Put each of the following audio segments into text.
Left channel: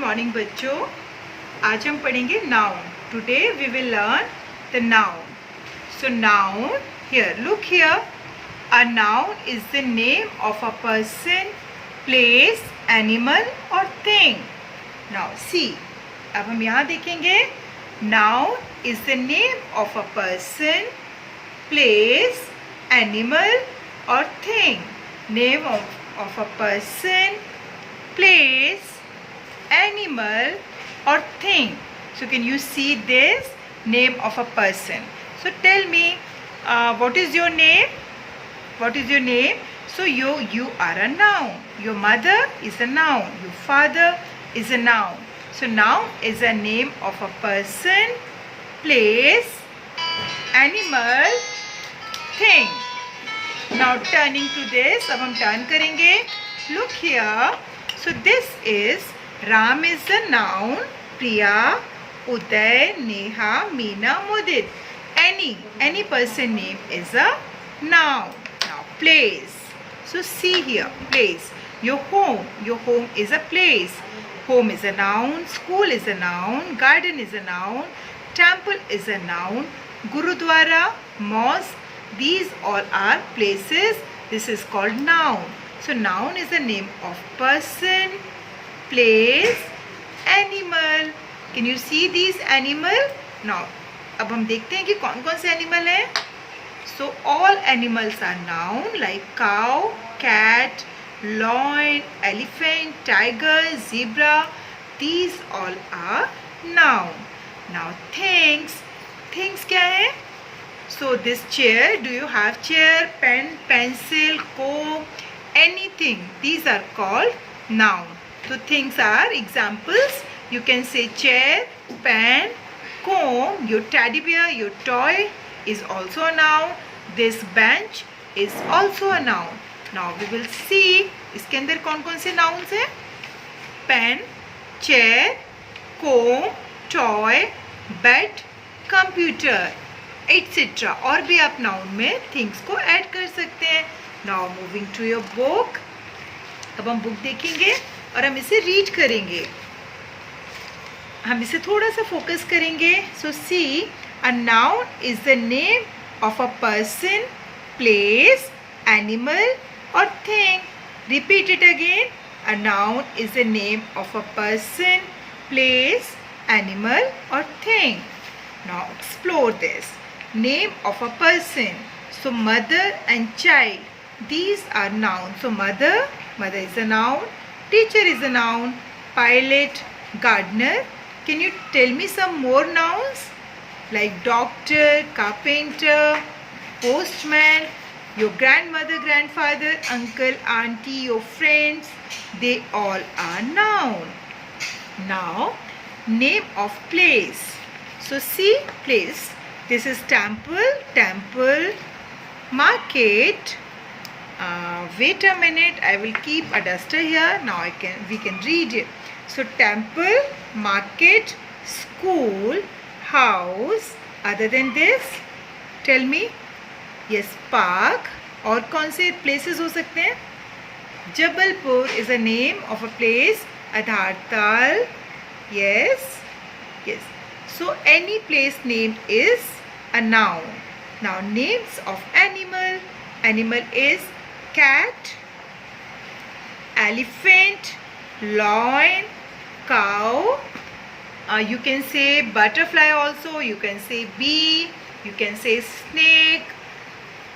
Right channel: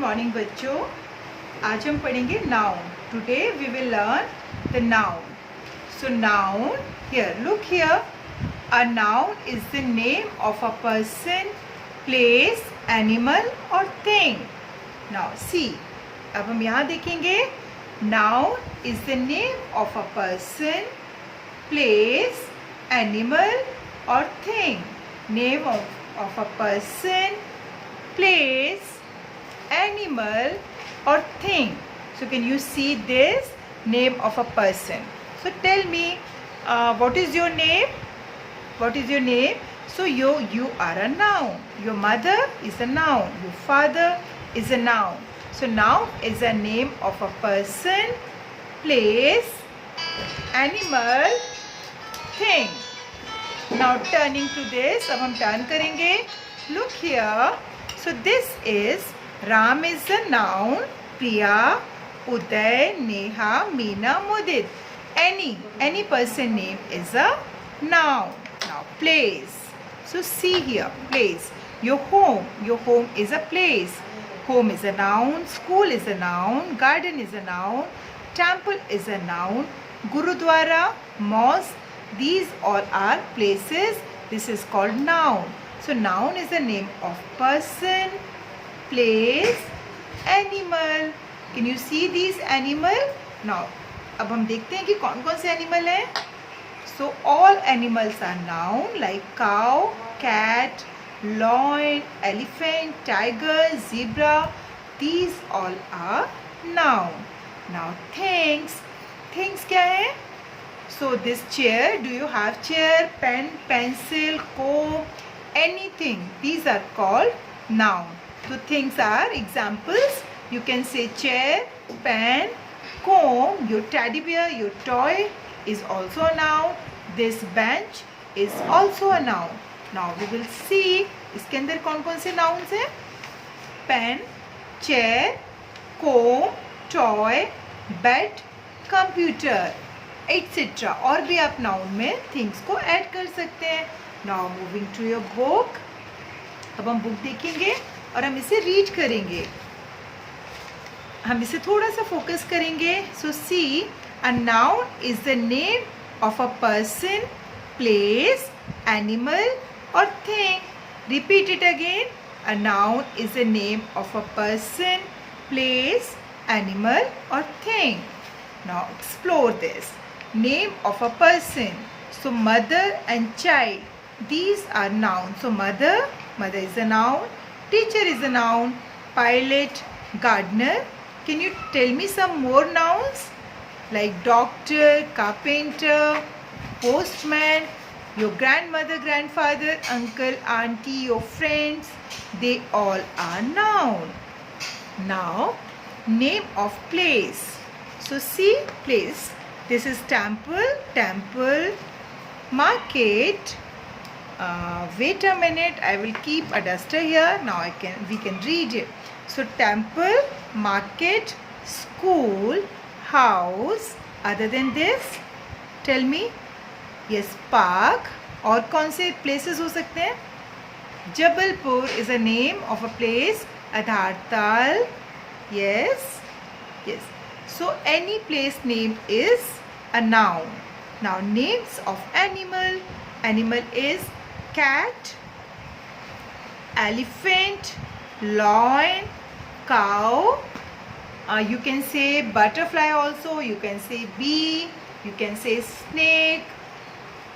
Morning बच्चों। आज हम पढ़ेंगे noun. Today we will learn the noun. So noun, here look here, a noun is the name of a person, place, animal और thing. Now see, अब हम यहाँ देखेंगे। Noun is the name of a person, place, animal और thing. Name of a person, place, animal or thing. So can you see this? Name of a person. So tell me, what is your name? What is your name? So you are a noun. Your mother is a noun. Your father is a noun. So noun is a name of a person, place, animal, thing. Now turning to this, अब हम turn करेंगे. Look here. So this is, Ram is a noun. Priya, Uday, Neha, Meena, Mudit. Any person name is a noun. Now place. So see here, place. Your home is a place. Home is a noun. School is a noun. Garden is a noun. Temple is a noun. Gurudwara, mosque. These all are places. This is called noun. So noun is the name of person, place, animal. Can you see these animal? Now, अब हम देखते हैं कि कौन कौन से animal हैं. So all animals are noun, like cow, cat, lion, elephant, tiger, zebra. These all are noun. Now things क्या है? So this chair, do you have chair, pen, pencil, comb, anything? These are called noun. So things are examples. You can say chair, pen, comb, your teddy bear, your toy is also a noun. This bench is also a noun. Now we will see इसके अंदर कौन कौन से nouns हैं? Pen, chair, comb, toy, bed, computer, etc. और भी आप noun में थिंग्स को ऐड कर सकते हैं. Now moving to your book. अब हम बुक देखेंगे और हम इसे रीड करेंगे. हम इसे थोड़ा सा फोकस करेंगे. So see, a noun is the name of a person, place, animal और thing. Repeat it again. A noun is the name of a person, place, animal और thing. Now explore this. Name of a person. So mother and child, these are nouns. So mother is a noun. Teacher is a noun. Pilot, gardener. Can you tell me some more nouns? Like doctor, carpenter, postman, your grandmother, grandfather, uncle, auntie, your friends. They all are noun. Now name of place. So see, place. This is temple, market. Wait a minute, I will keep a duster here. Now we can read it. So temple, market, school, house. Other than this, tell me. Yes, park. और कौन से places हो सकते हैं? Jabalpur is a name of a place. Adhartal. Yes. So any place name is a noun. Now names of animal. Animal is cat, elephant, lion, cow. You can say butterfly also. You can say bee. You can say snake.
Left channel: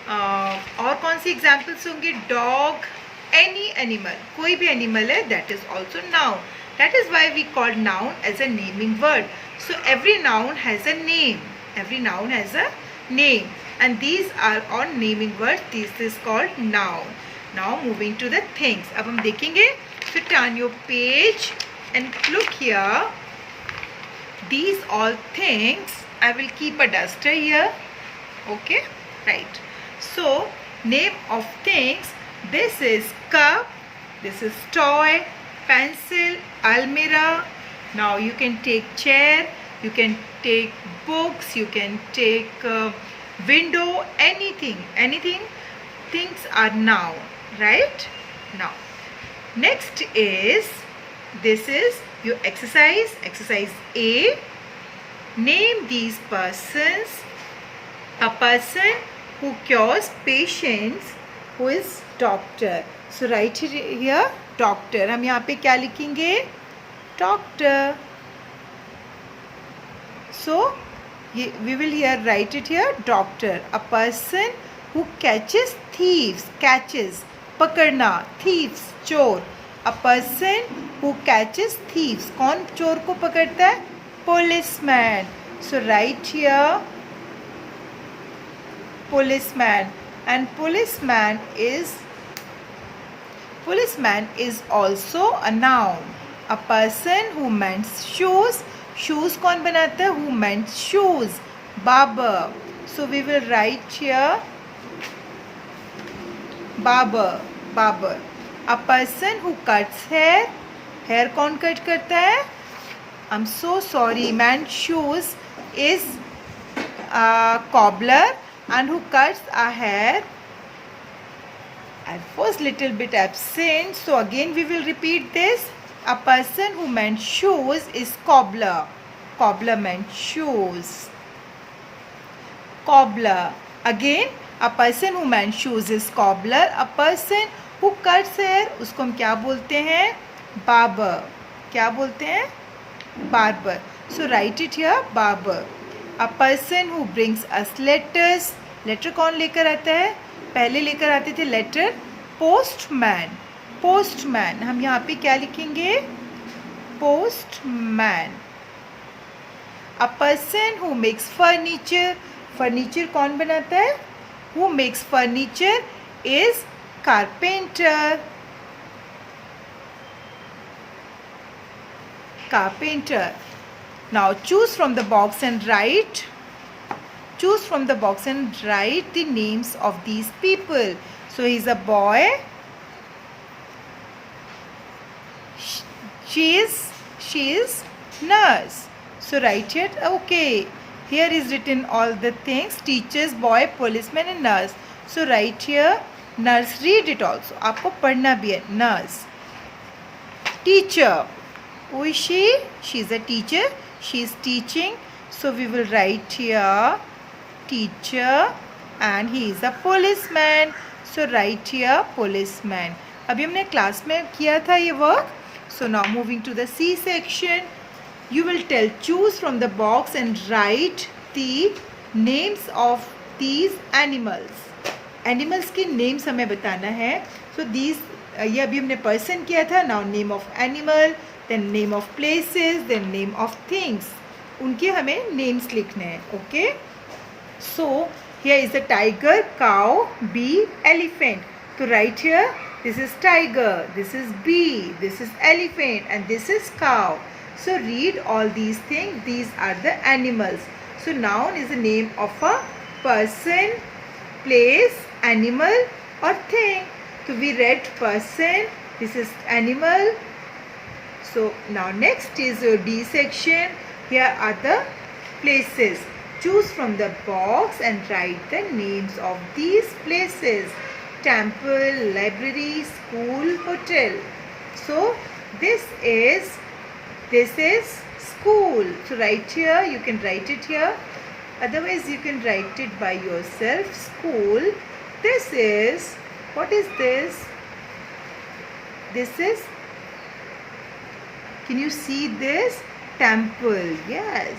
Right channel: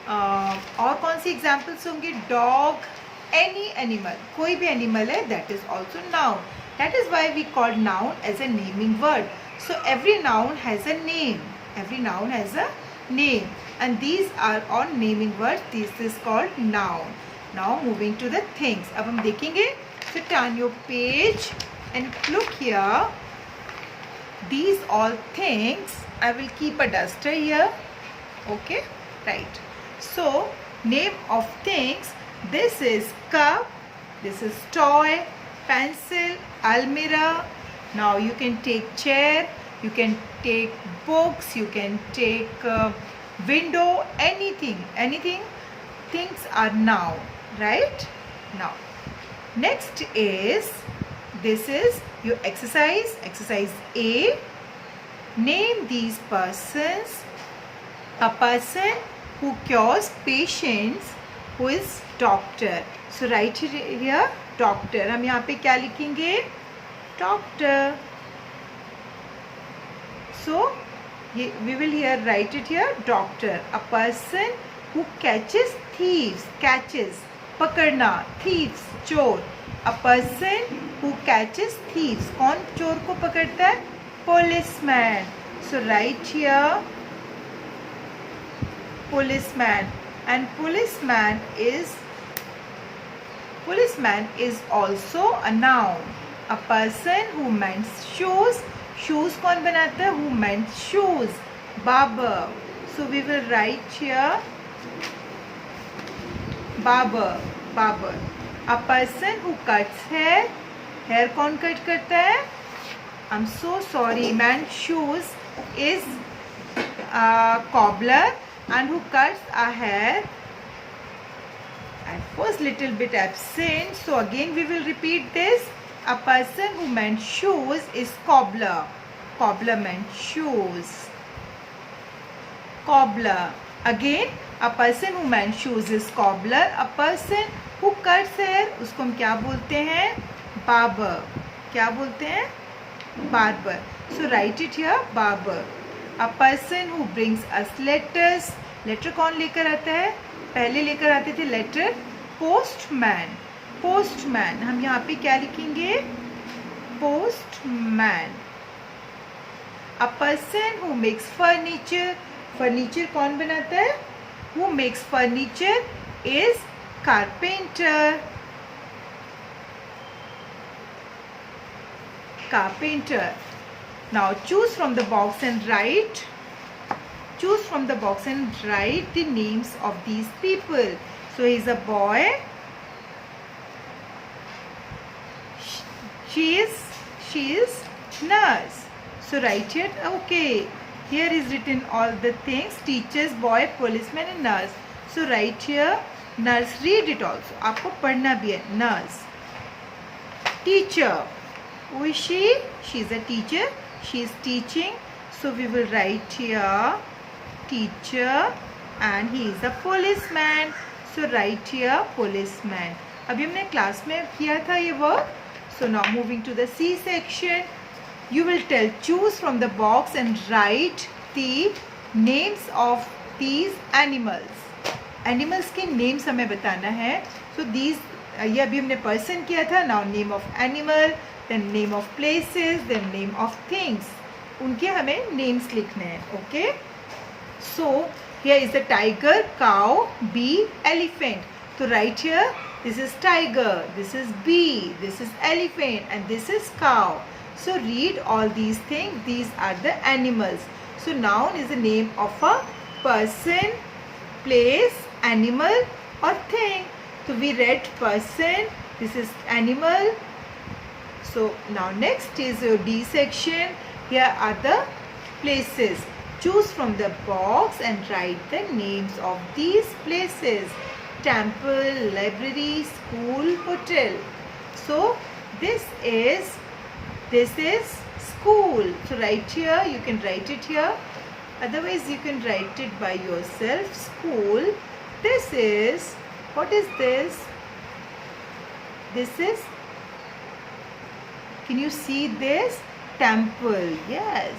और कौन सी examples होंगे? Dog. Any animal. कोई भी animal है, that is also noun. That is why we call noun as a naming word. So every noun has a name. Every noun has a name. And these are all naming words. This is called noun. Now moving to the things. अब हम देखेंगे. So turn your page and look here. These all things. I will keep a duster here. Okay. Right. So name of things. This is cup. This is toy. Pencil. Almirah. Now you can take chair. You can take books, you can take window, anything. Things are noun, right? Now, next is this is your exercise. Exercise A. Name these persons. A person who cures patients, who is doctor. So write here doctor. हम यहाँ पे क्या लिखेंगे? Doctor. So we will here write it here doctor. A person who catches thieves. Catches, पकड़ना. Thieves, चोर. A person who catches thieves. कौन चोर को पकड़ता है? Policeman. So write here policeman. And policeman is also a noun. A person who mends shoes. Shoes कौन बनाता है? Who mends shoes? Barber. So we will write here barber. Barber. A person who cuts hair. Hair कौन cut करता है? I'm so sorry. Mends shoes is a cobbler, and who cuts a hair. I was little bit absent, so again we will repeat this. A person who mends shoes is cobbler. Cobbler mends shoes. Cobbler. Again, a person who mends shoes is cobbler. A person who cuts hair, उसको हम क्या बोलते हैं? Barber. क्या बोलते हैं? Barber. So write it here, barber. A person who brings us letters. Letter कौन लेकर आता है? पहले लेकर आते थे letter postman. Postman. हम यहाँ पे क्या लिखेंगे? Postman. A person who makes furniture. Furniture कौन बनाता है? Who makes furniture is carpenter. Carpenter. Now choose from the box and write. Choose from the box and write the names of these people. So he is a boy. She is nurse. So write here. Okay. Here is written all the things. Teachers, boy, policeman and nurse. So write here nurse. Read it also. आपको पढ़ना भी है. Nurse. Teacher. Who is she? She is a teacher. She is teaching. So we will write here teacher, and he is a policeman. So write here policeman. अभी हमने class में किया था ये work. So now moving to the C section. You will tell choose from the box and write the names of these animals. Animals के names हमें बताना है. So these ये अभी हमने person किया था. Now name of animal, then name of places, then name of things. उनके हमें names लिखने हैं. Okay. So here is the tiger, cow, bee, elephant. So write here. This is tiger. This is bee. This is elephant, and this is cow. So read all these things. These are the animals. So noun is the name of a person, place, animal or thing. So we read person. This is animal. So now next is your D section. Here are the places. Choose from the box and write the names of these places. Temple, library, school, hotel. So this is school. So write here. You can write it here. Otherwise you can write it by yourself. School. This is, what is this? This is, can you see this? Temple. Yes.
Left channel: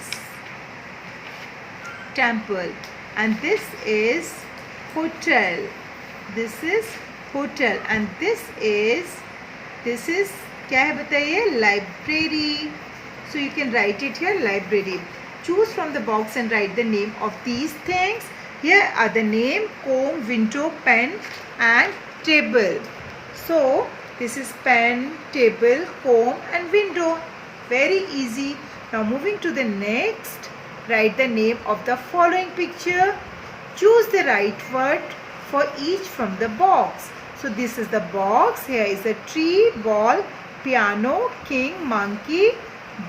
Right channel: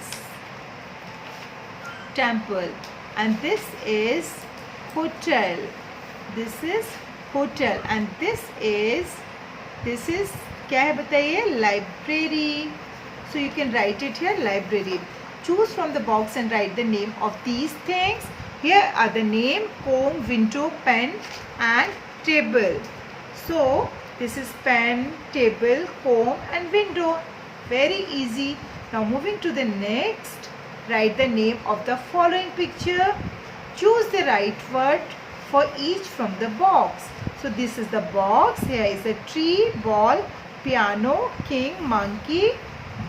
Temple. And this is hotel. This is hotel. And this is क्या है बताइए? Library. So you can write it here, library. Choose from the box and write the name of these things. Here are the name: comb, window, pen and table. So this is pen, table, comb and window. Very easy. Now moving to the next, write the name of the following picture. Choose the right word for each from the box. So this is the box. Here is a tree, ball, piano, king, monkey,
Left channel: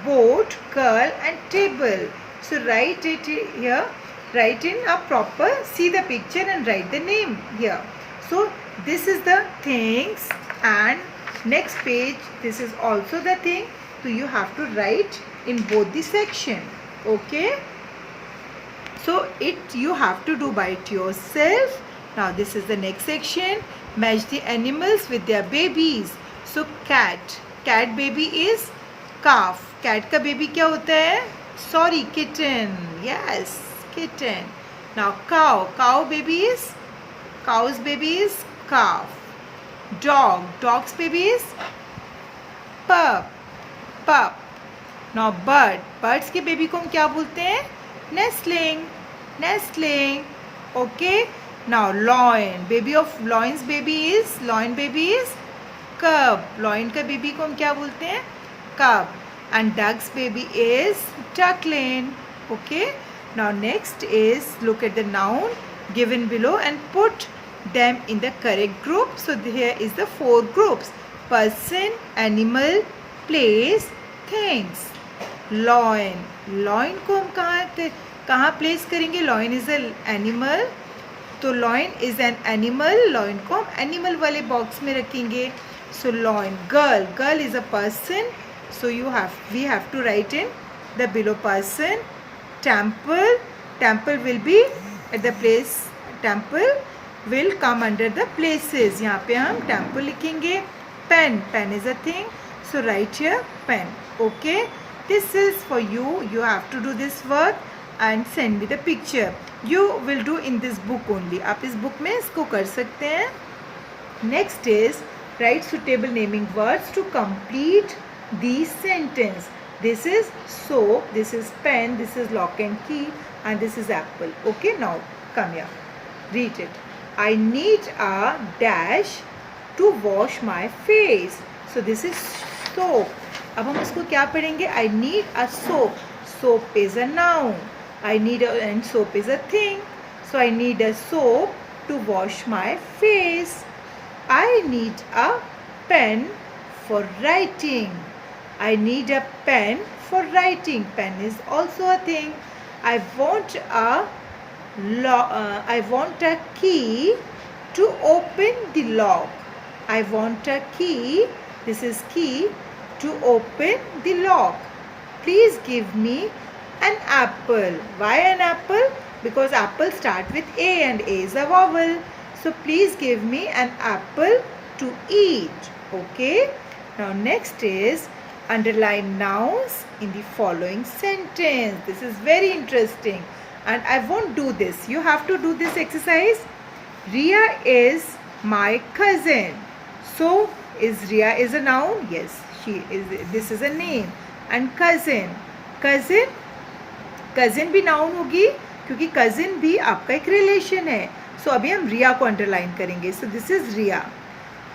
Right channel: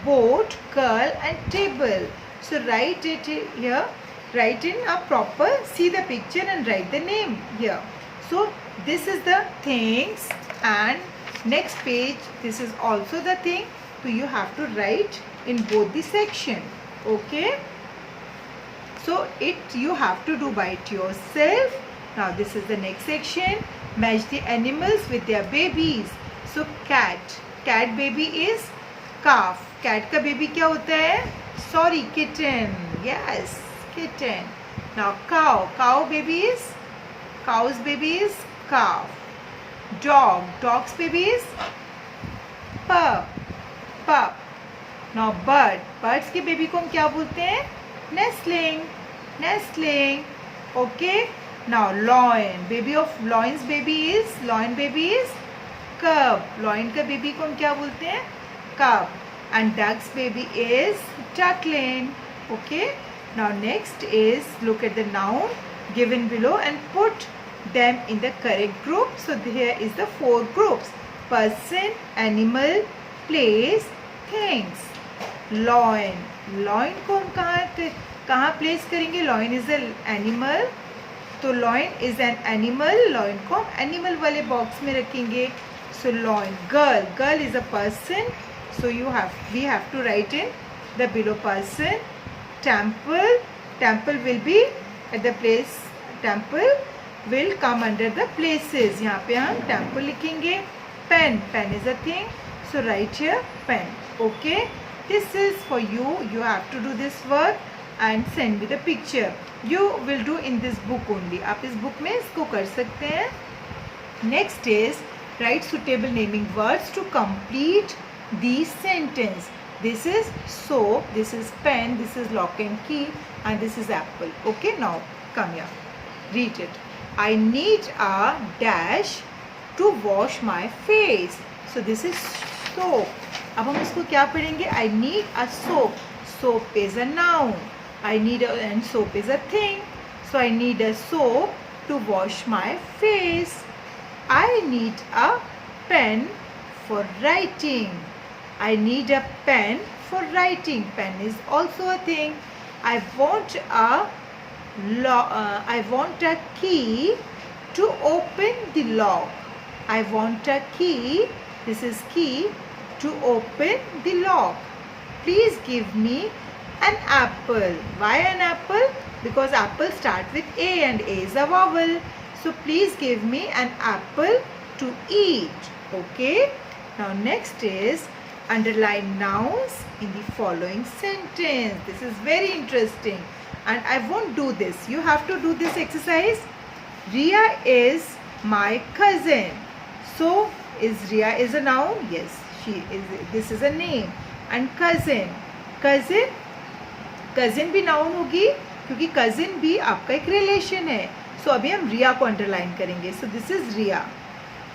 boat, girl and table. So write it here. Write in a proper, see the picture and write the name here. So this is the things, and Next page, this is also the thing. So you have to write in both the section. Okay. So you have to do by it yourself. Now this is the next section. Match the animals with their babies. So cat baby is calf. Cat का baby क्या होता है? Sorry, kitten. Yes, kitten. Now cow's baby is calf. Dog's baby is pup. Now birds के baby को हम क्या बोलते हैं? Nestling. Okay. Now loin baby is cub. Loin का baby को हम क्या बोलते हैं? Cub. And duck's baby is duckling. Okay. Now next is look at the noun given below and put them in the correct group. So here is the 4 groups: person, animal, place, things. Loin को हम कहाँ place करेंगे? Loin is an animal. तो loin is an animal. Loin को हम animal वाले box में रखेंगे. So loin. Girl is a person. So we have to write in the below person. Temple will be at the place. Temple will come under the places. यहाँ पे हम temple लिखेंगे. Pen is a thing. So write here pen. Okay. This is for you. You have to do this work and send me the picture. You will do in this book only. आप इस book में इसको कर सकते हैं. Next is write suitable naming words to complete the sentence. This is soap, this is pen, this is lock and key, and this is apple. Okay, now come here. Read it. I need a dash to wash my face. So this is soap. अब हम इसको क्या पढ़ेंगे? I need a soap. Soap is a noun. And soap is a thing. So I need a soap to wash my face. I need a pen for writing. I need a pen for writing. Pen is also a thing. I want a key to open the lock. I want a key. This is key to open the lock. Please give me an apple. Why an apple? Because apple start with A and A is a vowel. So please give me an apple to eat. Okay. Now next is underline nouns in the following sentence. This is very interesting and I won't do this. You have to do this exercise. Ria is my cousin. So is Ria is a noun? Yes, she is. This is a name. And cousin भी noun होगी क्योंकि cousin भी आपका एक relation है. So अभी हम रिया को अंडरलाइन करेंगे. So this is Ria.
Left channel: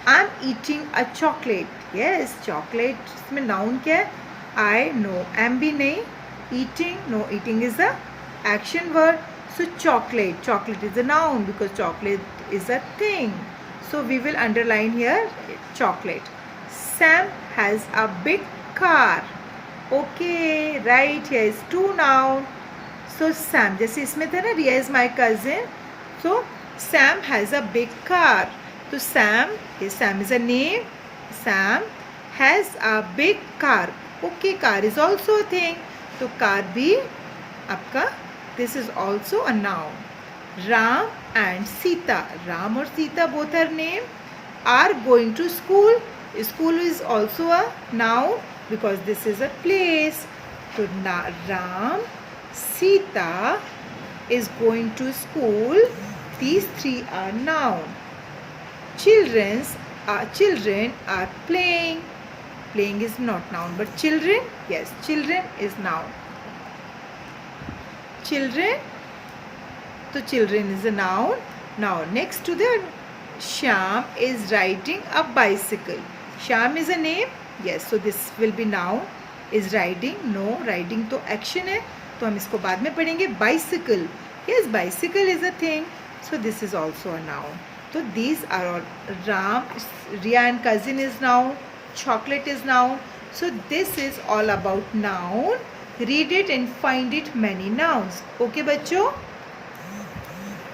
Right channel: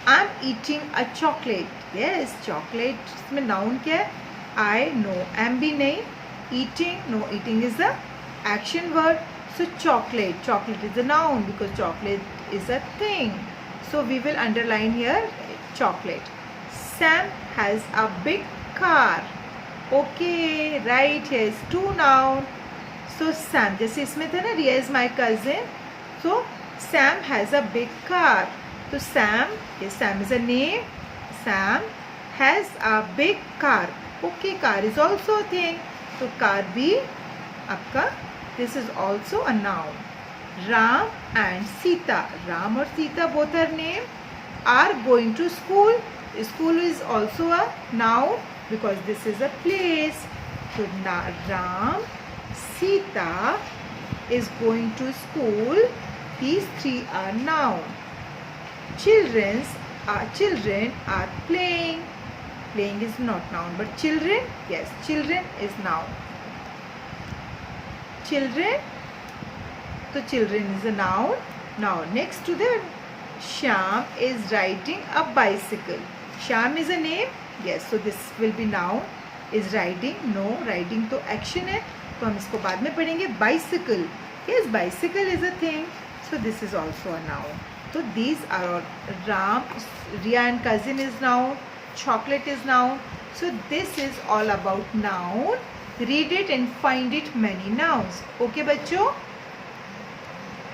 I'm eating a chocolate. Yes, chocolate इसमें नाउन क्या है? I know. am भी नहीं. Eating, no, eating is a action word. So chocolate is a noun because chocolate is a thing. So we will underline here chocolate. Sam has a big car. Okay, right, here is 2 noun. So Sam, जैसे इसमें था ना, Ria is my cousin. So Sam has a big car. So Sam is a name. Sam has a big car. Okay, car is also a thing. So car भी आपका, this is also a noun. Ram and Sita. Ram or Sita both are name. Are going to school. School is also a noun because this is a place. So Ram, Sita is going to school. These 3 are noun. Children are playing. Playing is not noun, but children, yes, children is noun. Children, so children is a noun. Now next to the Shyam is riding a bicycle. Shyam is a name. Yes, so this will be noun. Is riding, no, riding तो action है, तो हम इसको बाद में पढ़ेंगे. Bicycle, yes, bicycle is a thing. So this is also a noun. So these are all. Ram, Ria and cousin is noun. Chocolate is noun. So this is all about noun. Read it and find it many nouns. Okay बच्चों.